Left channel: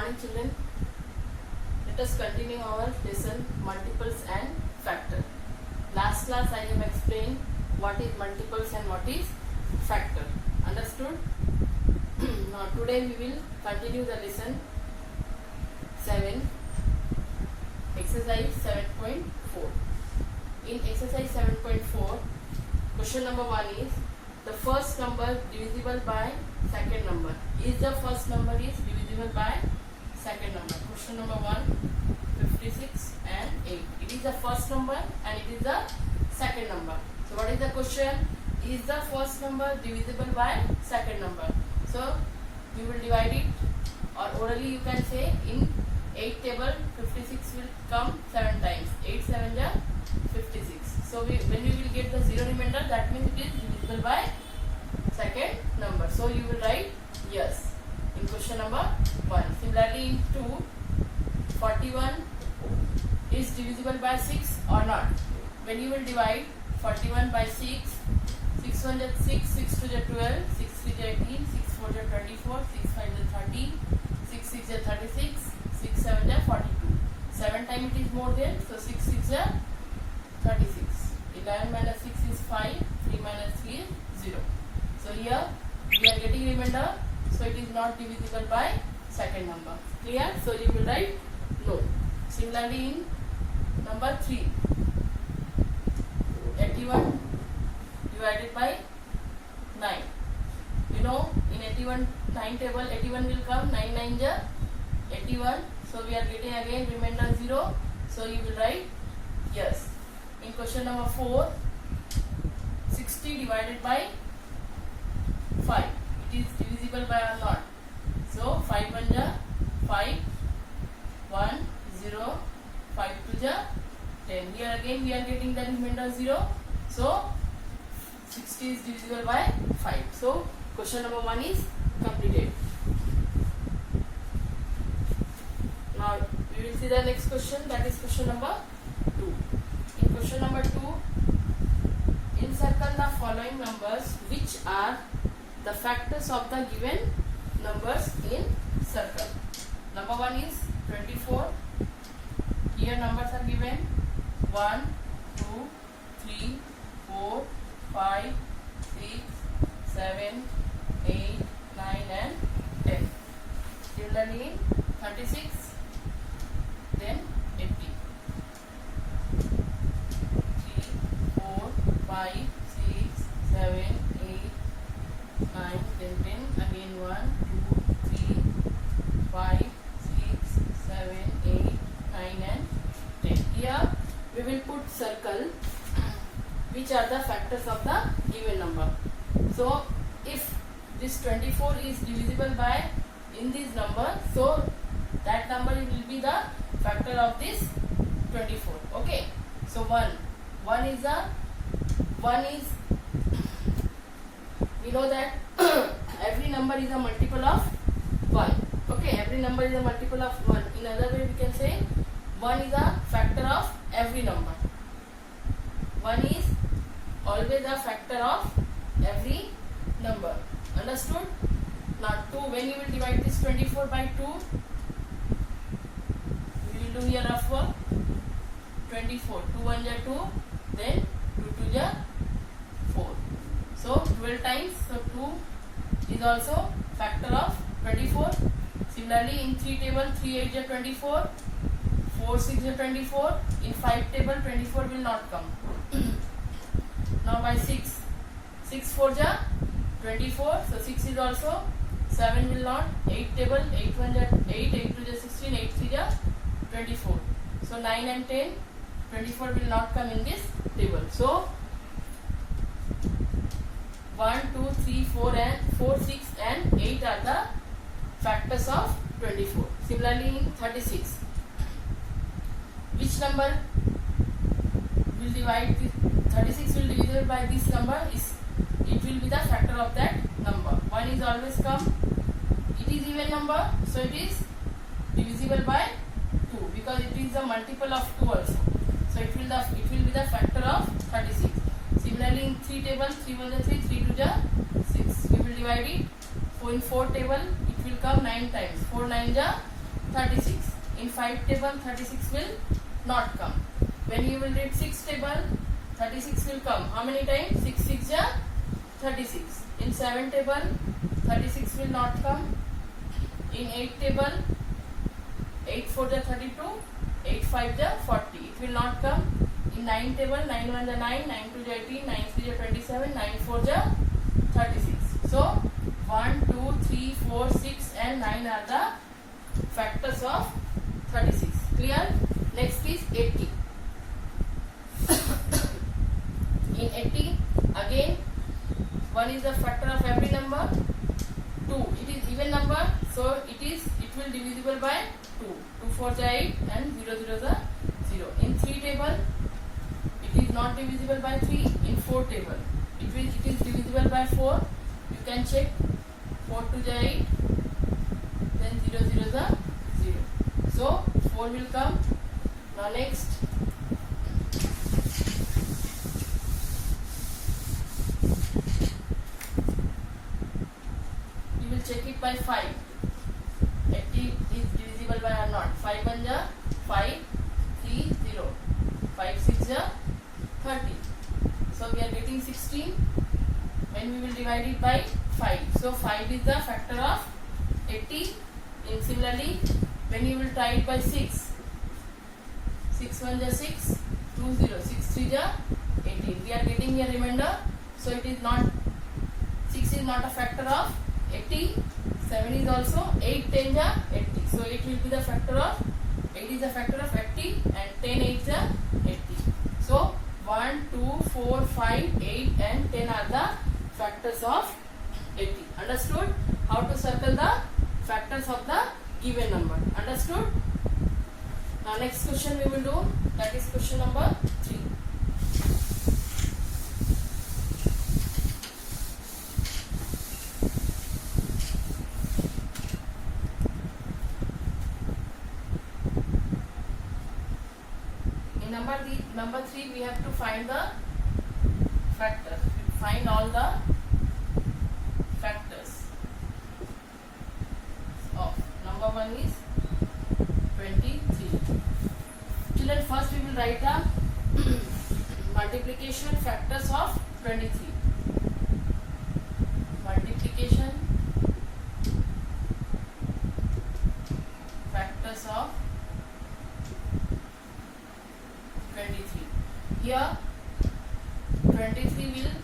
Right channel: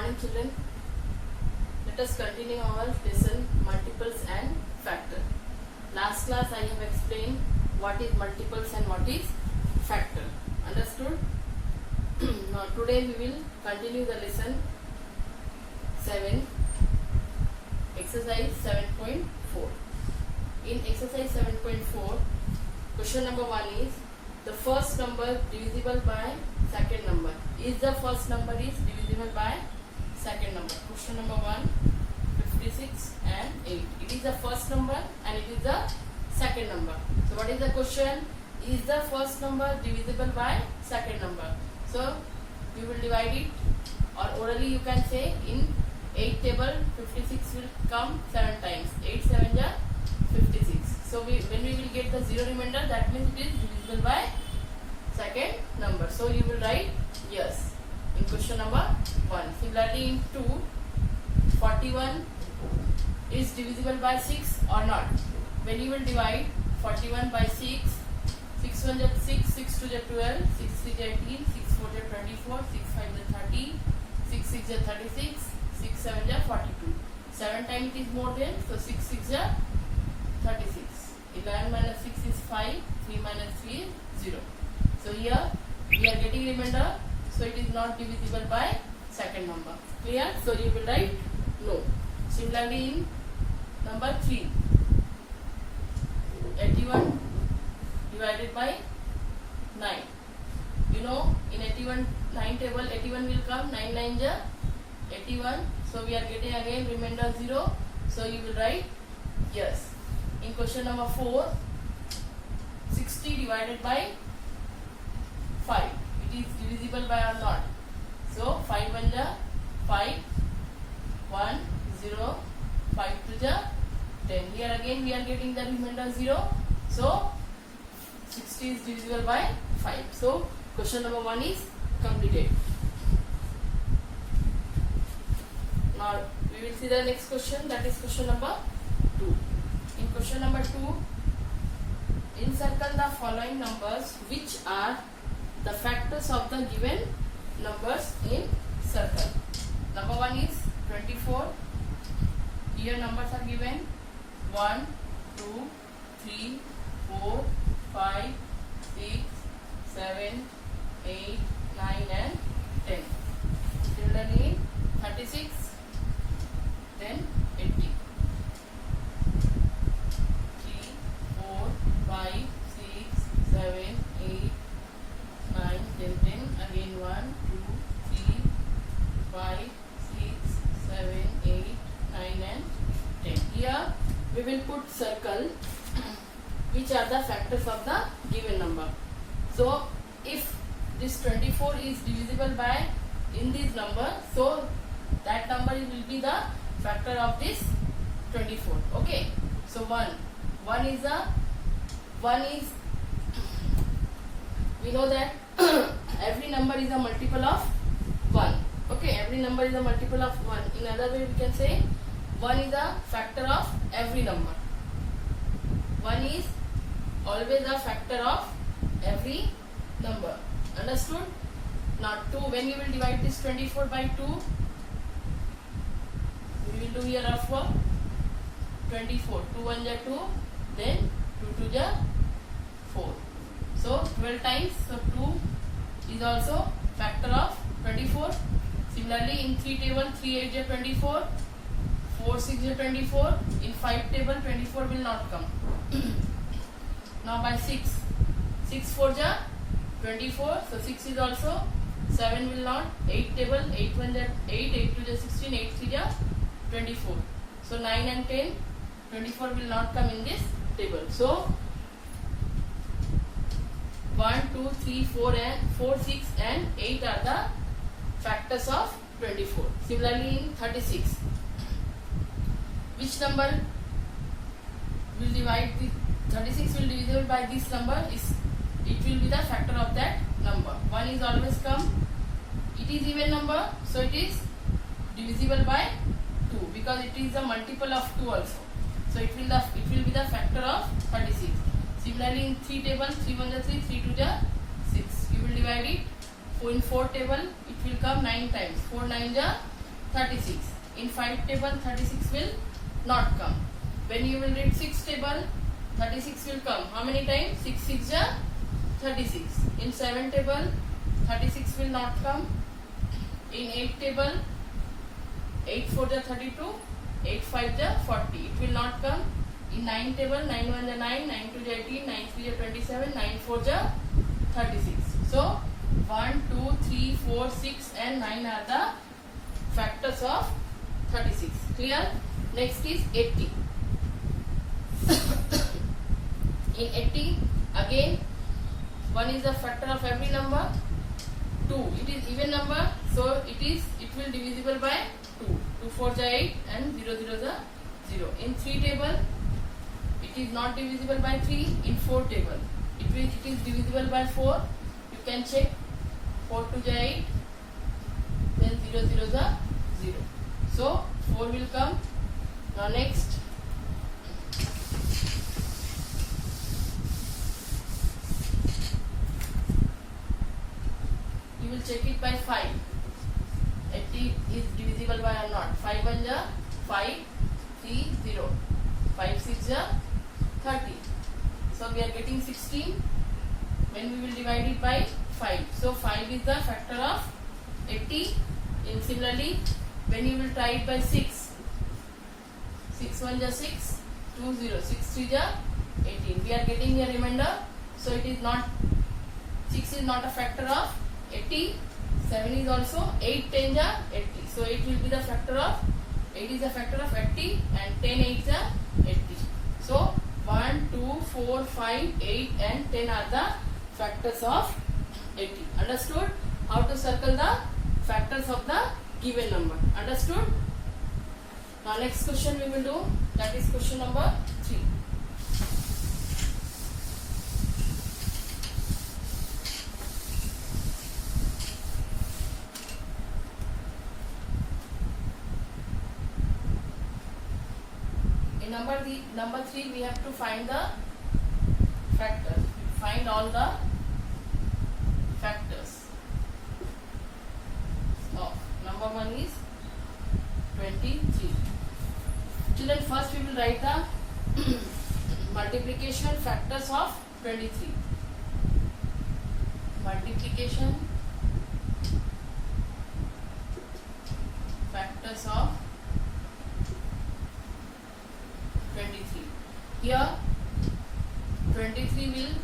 morning children. Let us continue our lesson multiples and factor. Last class I have explained what is multiples and what is factor. Understood? Now today we will continue the lesson 7, exercise 7.4. In exercise 7.4, question number 1 is the first number divisible by second number. Is the first number is divisible by second number? Question number 1, 56 and 8. It is the first number and it is the second number. So what is the question? Is the first number divisible by second number? So you will divide it, or orally you can say in 8 table 56 will come 7 times. 8 7 are 56. So when we will get the zero remainder, that means it is divisible by second number. So you will write yes in question number 1. Similarly in 2, 41 is divisible by 6 or not. When you will divide 41 by 6, 6 1 is 6, 6 2 is 12, 6 3 is 18, 6 4 is 24, 6 5 is 30, 6 6 is 36, 6 7 is 42. 7 times it is more than, so 6 6 is 36. 11 minus 6 is 5, 3 minus 3 is 0. So here we are getting remainder, so it is not divisible by second number. Clear? So you will write no. Similarly in number 3, 81 divided by 9. You know in 81 9 table 81 will come, 9 9 is 81. So we are getting again remainder 0. So you will write yes. In question number 4, 60 divided by 5. It is divisible by or not? So 5 1 is 5, 1 0, 5 2 is 10. Here again we are getting the remainder 0. So 60 is divisible by 5. So question number 1 is completed. Now we will see the next question, that is question number 2. In question number 2, encircle the following numbers which are the factors of the given numbers in circle. Number 1 is 24. Here numbers are given 1, 2, 3, 4, 5, 6, 7, 8, 9 and 10. Similarly 36, then 80. 3, 4, 5, 6, 7, 8, 9, 10, 10. Again 1, 2, 3, 5, 6, 7, 8, 9 and 10. Here we will put circle which are the factors of the given number. So if this 24 is divisible by in this number, so that number will be the factor of this 24. Okay. So 1 is we know that every number is a multiple of 1. Okay, every number is a multiple of 1. In other way we can say 1 is a factor of every number. 1 is always a factor of every number. Understood? Now 2, when you will divide this 24 by 2, we will do here rough work. 24, 2 1 is 2, then 2 2 is 4. So 12 times, so 2 is also factor of 24. Similarly in 3 table 3 8 is 24, 4 6 is 24. In 5 table 24 will not come. Now by 6, 6 4 is 24, so 6 is also, 7 will not. 8 table 8 1 is 8, 8 2 is 16, 8 3 is 24. So 9 and 10, 24 will not come in this table. So 1, 2, 3, 4 and 4, 6 and 8 are the factors of 24. Similarly in 36, which number will divide this? 36 will divisible by this number, it will be the factor of that number. 1 is always come, it is even number, so it is divisible by 2 because it is a multiple of 2 also. So it will be the factor of 36. Similarly in 3 table 3 1 is 3, 3 2 is 6. You will divide it. So in 4 table it will come 9 times. 4 9 is 36. In 5 table 36 will not come. When you will read 6 table 36 will come. How many times? 6 6 ja 36. In 7 table 36 will not come. In 8 table 8 4 ja 32, 8 5 ja 40. It will not come. In 9 table 9 1 ja 9, 9 2 ja 18, 9 3 ja 27, 9 4 ja 36. So 1 2 3 4 6 and 9 are the factors of 36. Clear? Next is 80. In 80 again 1 is the factor of every number. 2 it is even number, so it will divisible by 2. 2 4 ja 8 and 0 0 ja 0. In 3 table it is not divisible by 3. In 4 table it is divisible by 4. You can check. 4 2 ja 8, then 0 0 ja 0. So 4 will come. Now next you will check it by 5. 80 is divisible by or not. 5 1 ja 5, 3 0. 5 6 ja 30. So we are getting 16 when we will divide it by 5. So 5 is the factor of 80. And similarly, when you will try it by 6, 6 1 ja 6, 2 0, 6 3 ja 18. We are getting here remainder. So it is not, 6 is not a factor of 80. 7 is also 8 10 ja 80. So it will be the factor of 8 is a factor of 80 and 10 8 ja 80. So 1 2 4 5 8 and 10 are the factors of 80. Understood? How to circle the factors of the given number. Understood? Now next question we will do, that is question number 3. In number 3 we have to find the factors. Find all the factors. Oh, number 1 is 23. Children, first we will write the multiplication factors of 23. Multiplication factors of 23. Here 23 will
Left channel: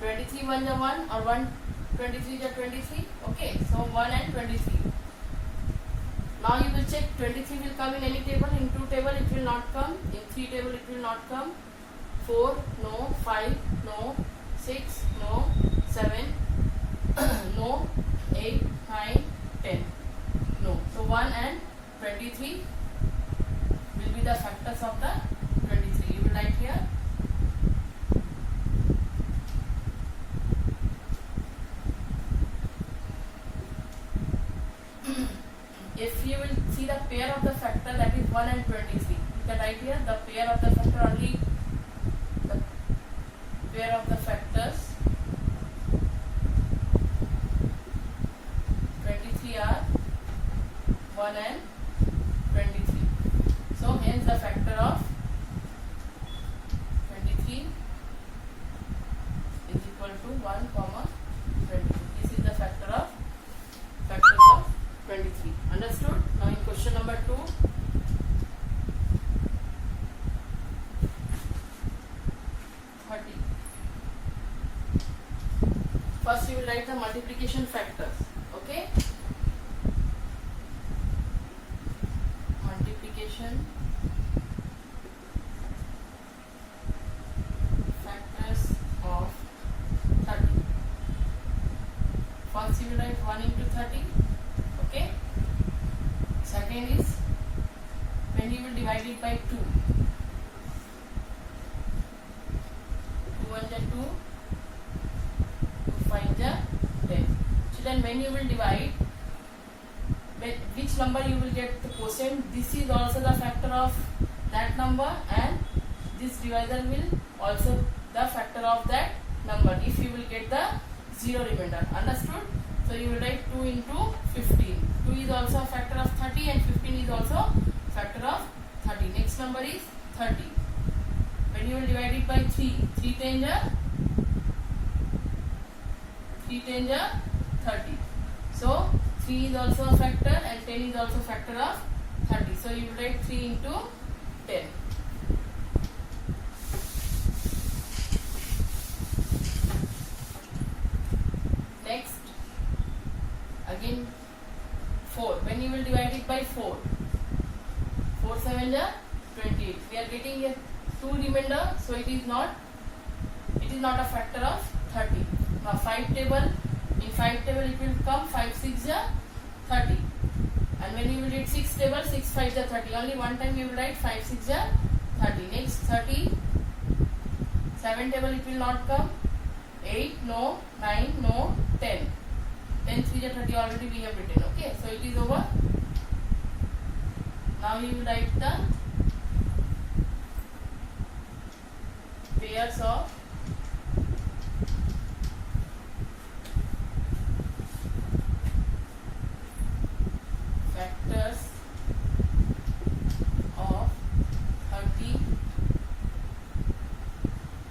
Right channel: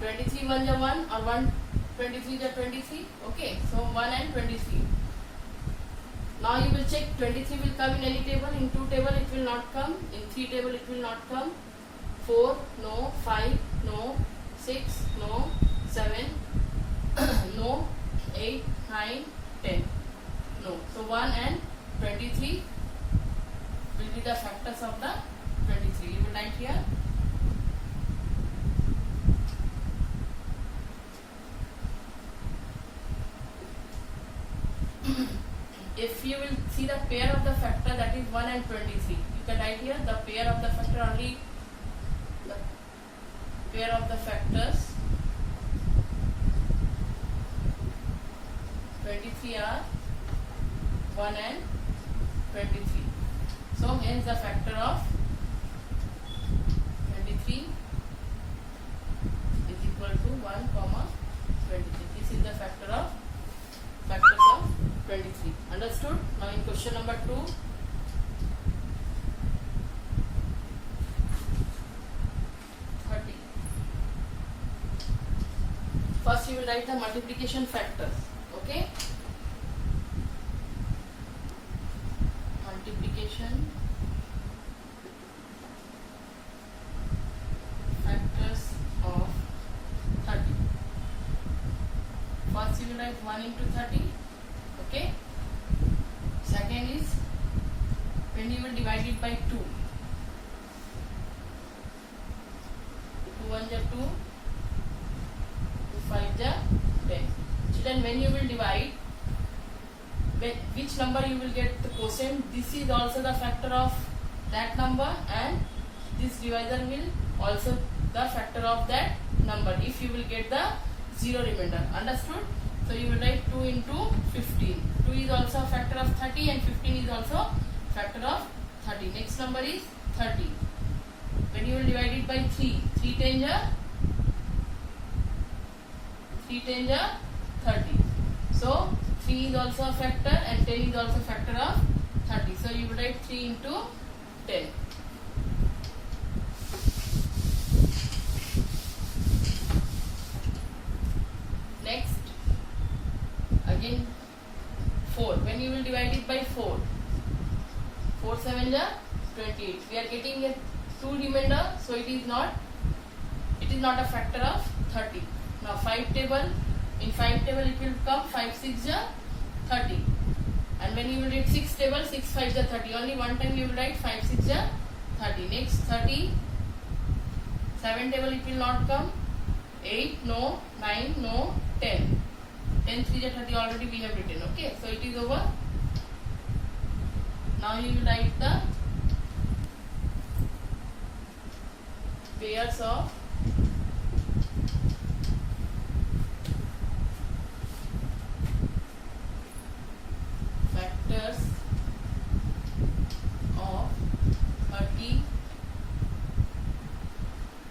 23 1 ja 1 or 1 23 ja 23. Okay, so 1 and 23. Now you will check 23 will come in any table. In 2 table it will not come. In 3 table it will not come. 4 no, 5 no, 6 no, 7 no, 8 9 10 no. So 1 and 23 will be the factors of the 23. You will write here. If you will see the pair of the factor, that is 1 and 23, you can write here the pair of the factor, only the pair of the factors 23 are 1 and 23. So hence the factor of 23 is equal to 1 comma 23. This is the factors of 23. Understood? Now in question number 2, first you will write the multiplication factors. Okay? Multiplication factors of 30. First you will write 1 into 30. Okay? Second is when you will divide it by 2. 2 1 ja 2, 2 5 ja 10. Children, when you will divide, which number you will get the quotient, this is also the factor of that number and this divisor will also the factor of that number if you will get the 0 remainder. Understood? So you will write 2 into 15. 2 is also a factor of 30 and 15 is also factor of 30. Next number is 30. When you will divide it by 3, 3 10 ja 30. So 3 is also a factor and 10 is also a factor of 30. So you will write 3 into 10. Next, again 4. When you will divide it by 4, 4 7 ja 28. We are getting a 2 remainder, so it is not a factor of 30. Now 5 table, in 5 table it will come 5 6 ja 30. And when you will read 6 table, 6 5 ja 30. Only one time you will write 5 6 ja 30. Next 30, 7 table it will not come. 8 no, 9 no, 10. 10 3 ja 30 already we have written. Okay, so it is over. Now you will write the pairs of factors of 30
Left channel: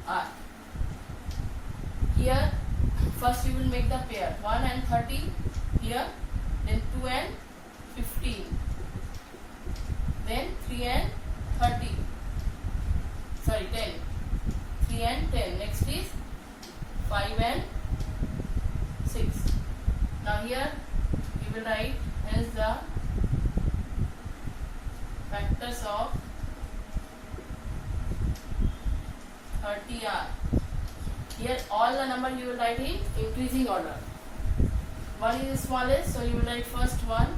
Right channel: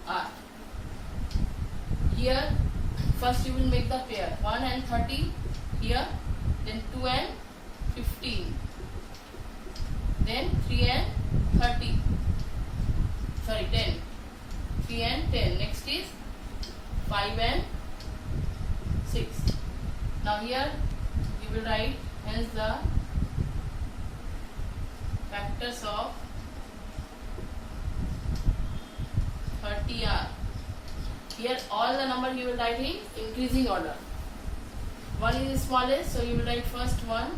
are. Here first you will make the pair 1 and 30 here, then 2 and 15, then 3 and 30, sorry 10, 3 and 10. Next is 5 and 6. Now here you will write as the factors of 30 are. Here all the number you will write in increasing order. 1 is the smallest, so you will write first 1,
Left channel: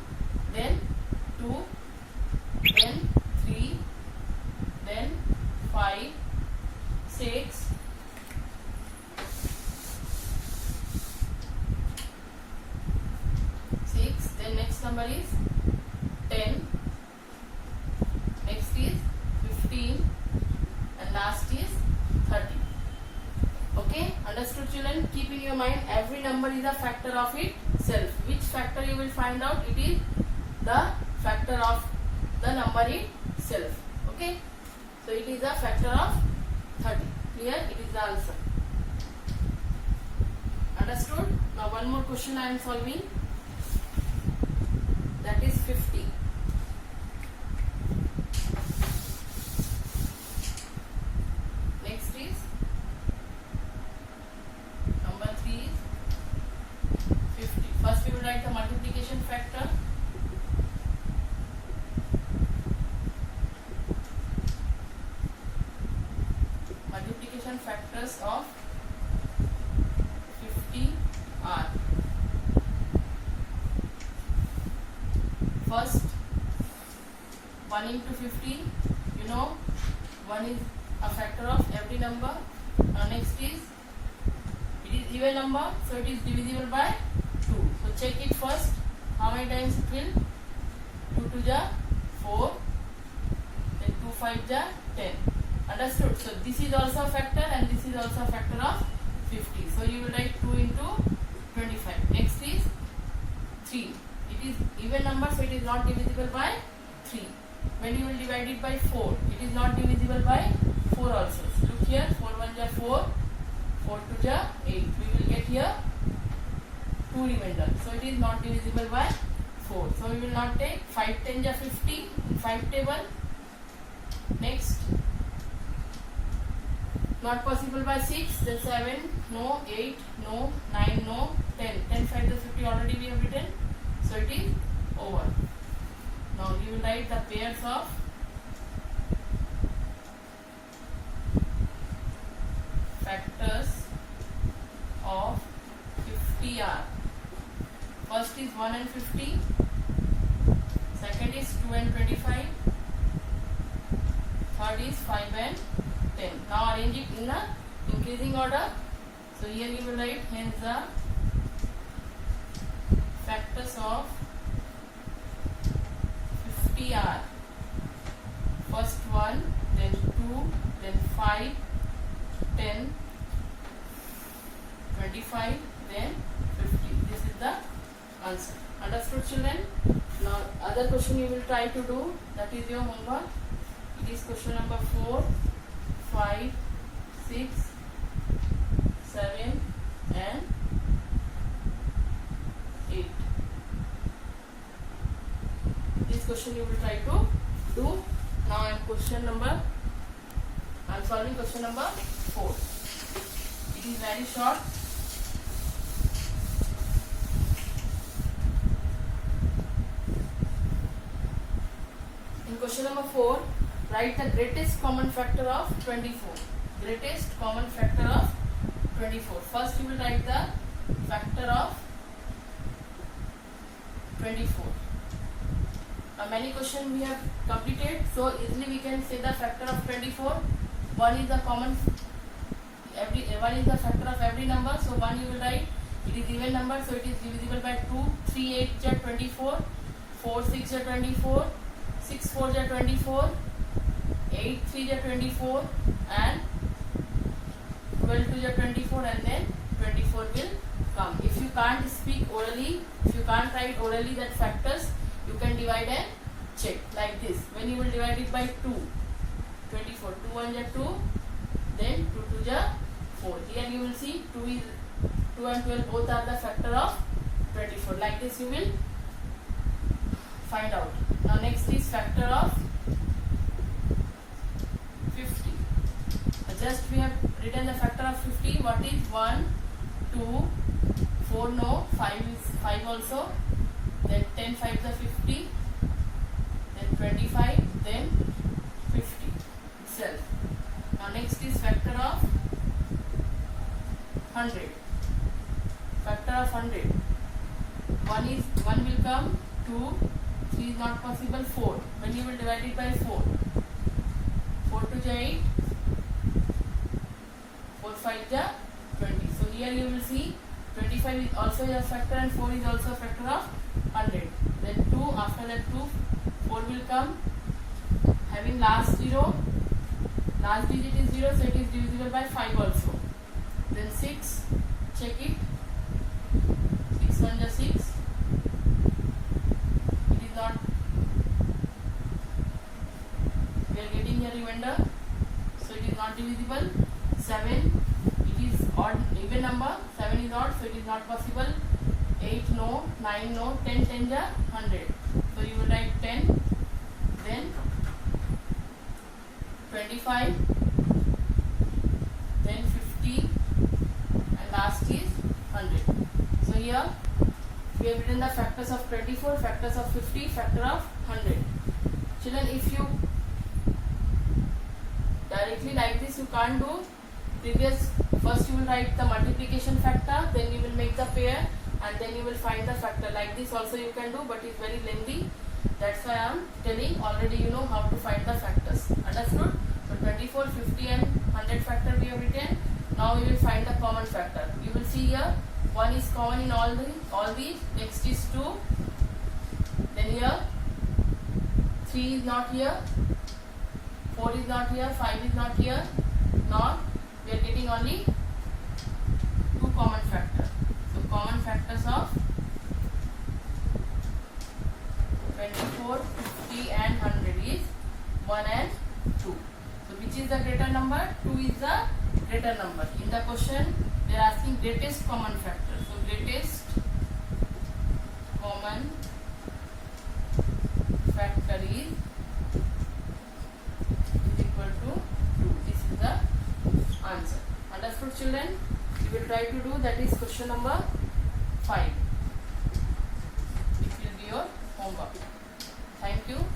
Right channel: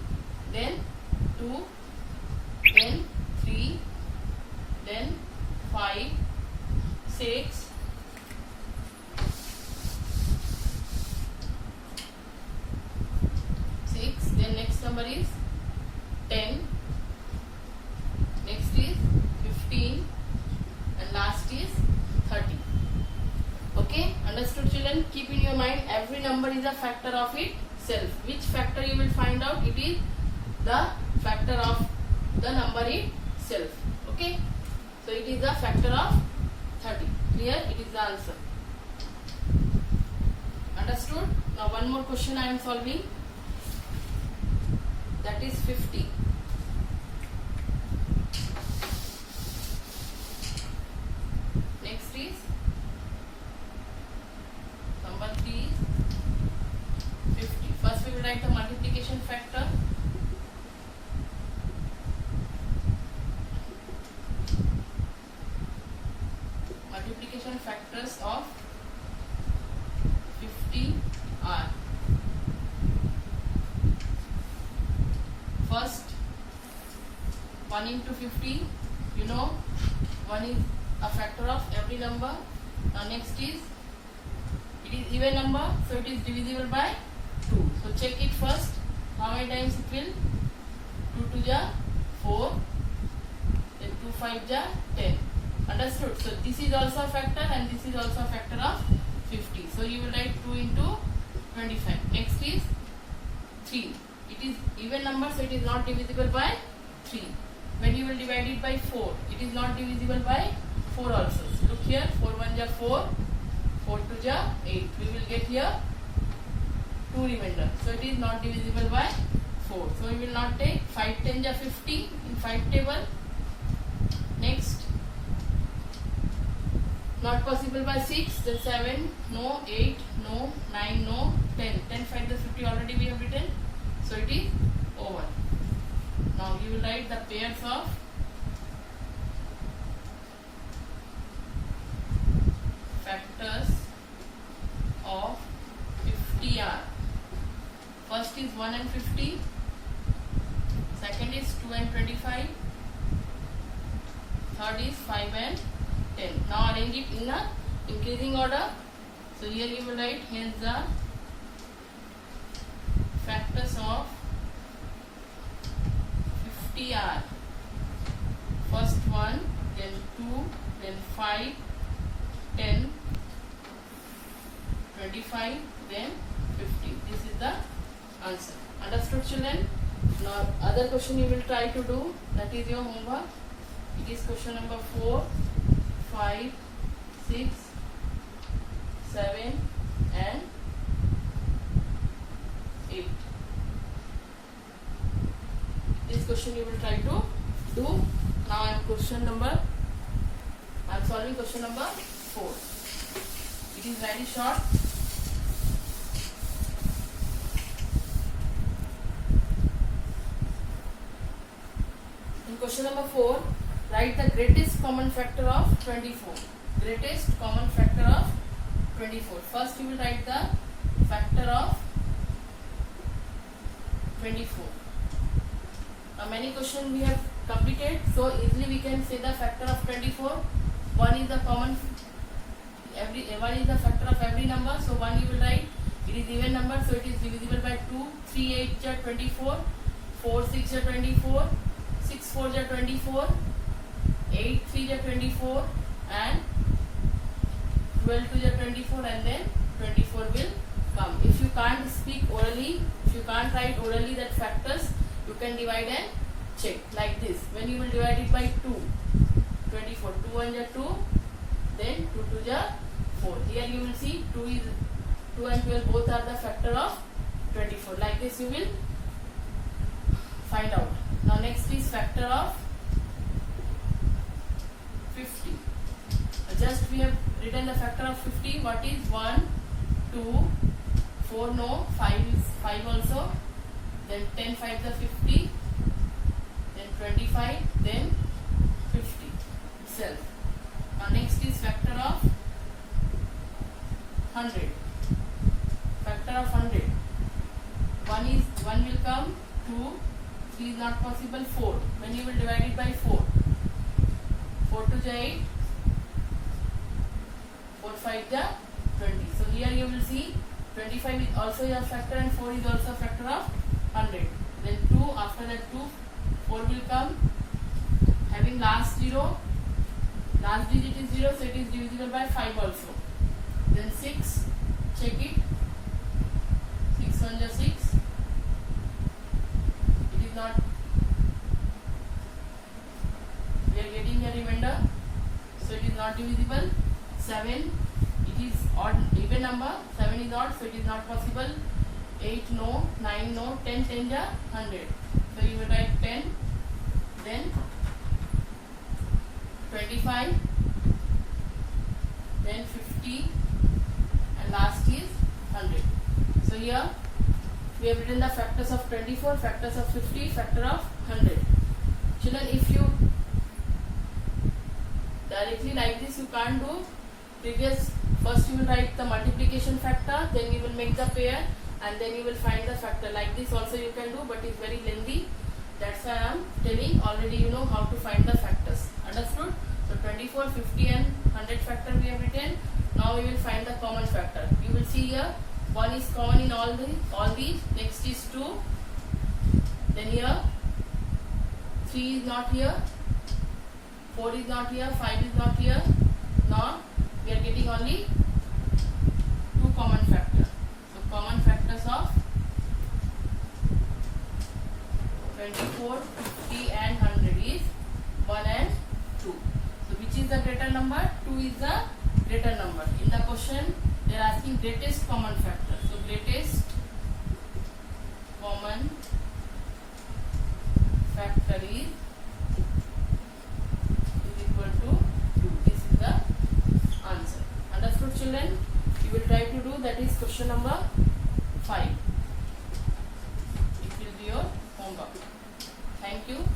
then 2, then 3, then 5, 6, 6, then next number is 10, next is 15, and last is 30. Okay, understood children? Keep in your mind every number is a factor of itself. Which factor you will find out? It is the factor of the number itself. Okay, so it is a factor of 30. Clear? It is the answer. Understood? Now one more question I am solving. That is 50. Next is number 3 is 50. First we will write the multiplication factor. Multiplication factors of 50 are. First 1 into 50, you know 1 is a factor of every number. Next is it is even number, so it is divisible by 2. So check it first. How many times it will? 2 2 ja 4, then 2 5 ja 10. Understood? So this is also a factor and this is also a factor of 50. So you will write 2 into 25. Next is 3. It is even number, so it is not divisible by 3. When you will divide it by 4, it is not divisible by 4 also. So look here, 4 1 ja 4, 4 2 ja 8. We will get here 2 remainder. So it is not divisible by 4. So we will not take 5 10 ja 50 in 5 table. Next, not possible by 6, then 7, no, 8, no, 9, no, 10. 10 5 the 50 already we have written. So it is over. Now you will write the pairs of factors of 50 are. First is 1 and 50. Second is 2 and 25. Third is 5 and 10. Now arrange it in a increasing order. So here you will write hence the factors of 50 are. First 1, then 2, then 5, 10, 25, then 50. This is the answer. Understood, children? Now other question you will try to do, that is your homework. It is question number 4, 5, 6, 7 and 8. This question you will try to do. Now I am solving question number 4. It is very short. In question number 4, write the greatest common factor of 24. Greatest common factor of 24. First you will write the factor of 24. Now many questions we have completed, so easily we can say the factor of 24. One is the factor of every number, so 1 you will write. It is even number, so it is divisible by 2. 3 8 are 24, 4 6 are 24, 6 4 are 24, 8 3 are 24 and 12 2 are 24, and then 24 will come. If you can't speak orally, if you can't write orally that factors, you can divide and check like this. When you will divide it by 2, 24, 2 1 are 2, then 2 2 are 4. Here you will see 2 and 12 both are the factor of 24. Like this you will find out. Now next is factor of 50. Just we have written the factor of 50. What is 1, 2, 4 no, 5 is 5 also, then 10 5 is 50, then 25, then 50 itself. Now next is factor of 100. Factor of 100. 1 will come, 2, 3 is not possible, 4. When you will divide it by 4, 4 2 is 8, 4 5 is 20. So here you will see 25 is also a factor and 4 is also a factor of 100. Then 2, after that 2, 4 will come, having last 0, last digit is 0, so it is divisible by 5 also. Then 6, check it, 6 1 is 6, it is not, we are getting a remainder, so it is not divisible. 7, it is odd, even number, 7 is odd, so it is not possible. 8 no, 9 no, 10 10 is 100, so you will write 10, then 25, then 50, and last is 100. So here we have written the factors of 24, factors of 50, factor of 100. Children, if you directly like this, you can't do. First you will write the multiplication factor, then you will make the pair, and then you will find the factor. Like this also you can do, but it's very lengthy. That's why I am telling, already you know how to find the factors. Understood? So 24, 50 and 100 factor we have written. Now you will find the common factor. You will see here 1 is common in all these. Next is 2. Then here 3 is not here, 4 is not here, 5 is not here. Now we are getting only 2 common factors. So common factors of 24, 50 and 100 is 1 and 2. So which is the greater number? 2 is the greater number. In the question they are asking greatest common factor. So greatest common factor is equal to 2. This is the answer. Understood, children? You will try to do, that is question number 5. It will be your homework. Thank you.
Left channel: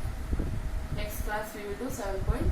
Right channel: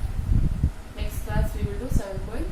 Next class we will do 7.2.